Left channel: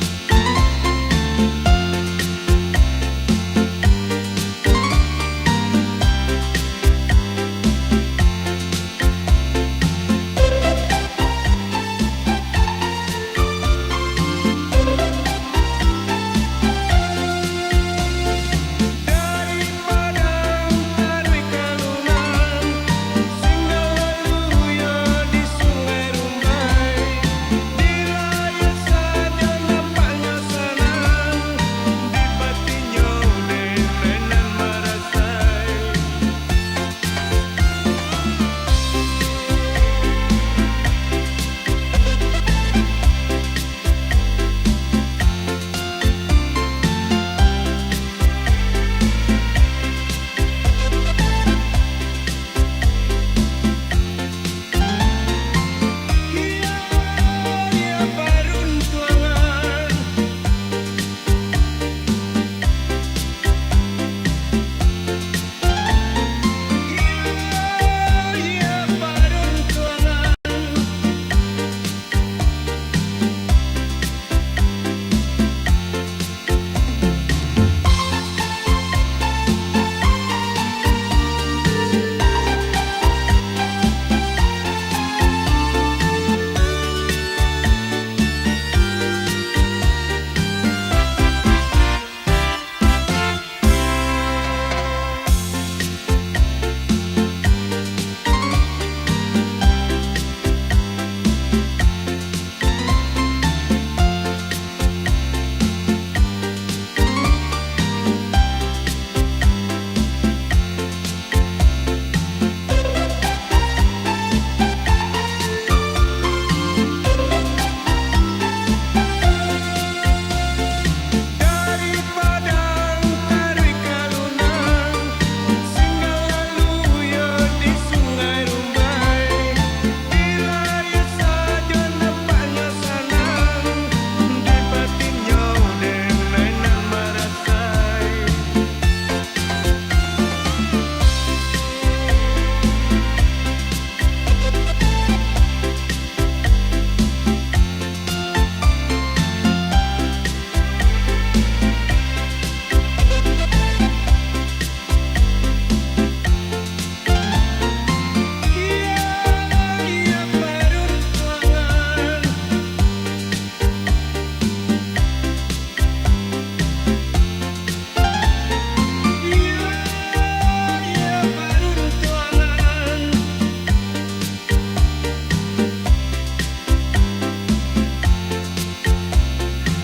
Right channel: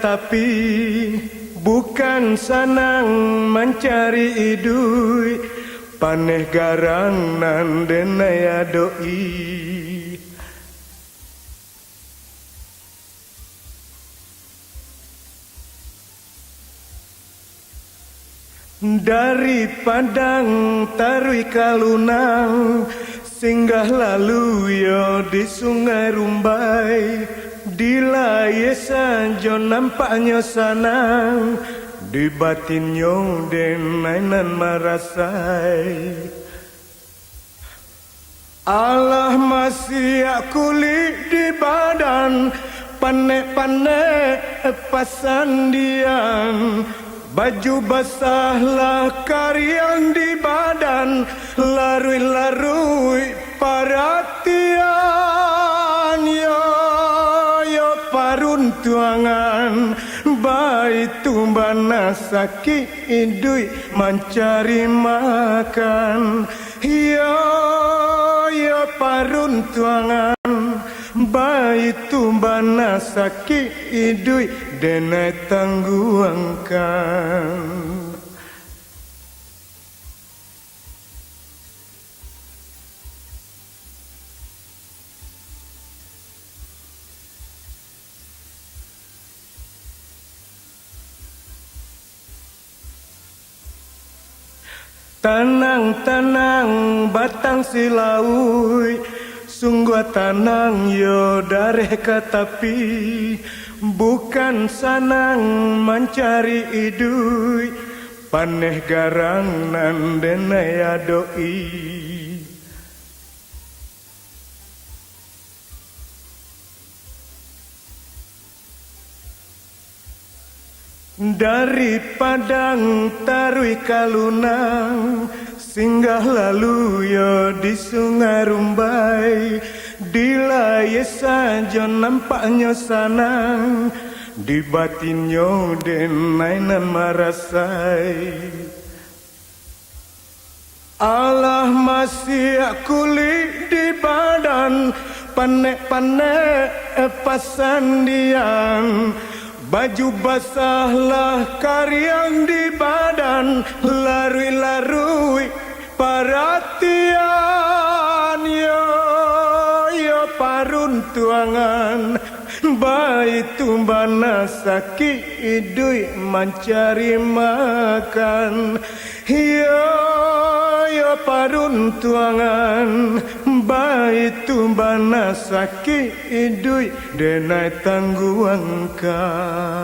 tapi bukan senang mencari duit, paneh garang nan denaya doi. Dari Padang Tarui Kalunang, singgah lalu yo di Sungai Rumbai. Bila ye sanjo nampaknya sanang, di batinnya den mainan marasai. Allah masih kulit di badan, panek-panek pasandian. Baju basahlah karian di badan, larui-larui perhatian. Yo paruntuangan, baik tumbana sakit duit mencari makan. Yo paruntuangan, baik tumbana sakit duit denai tangguangkan. Tenang-tenang batang silaui, sungguh tenang yo dari tapi bukan senang mencari duit, paneh garang nan denaya doi. Dari Padang Tarui Kalunang, singgah lalu yo di Sungai Rumbai. Bila ye saja nampaknya sanang, di batinnya den mainan marasai. Allah masih kulit di badan, panek-panek pasandian. Baju basahlah karian di badan, larui-larui perhatian. Yo paruntuangan, baik tumbana sakit duit mencari makan. Yo paruntuangan, baik tumbana sakit duit denai tangguangkan.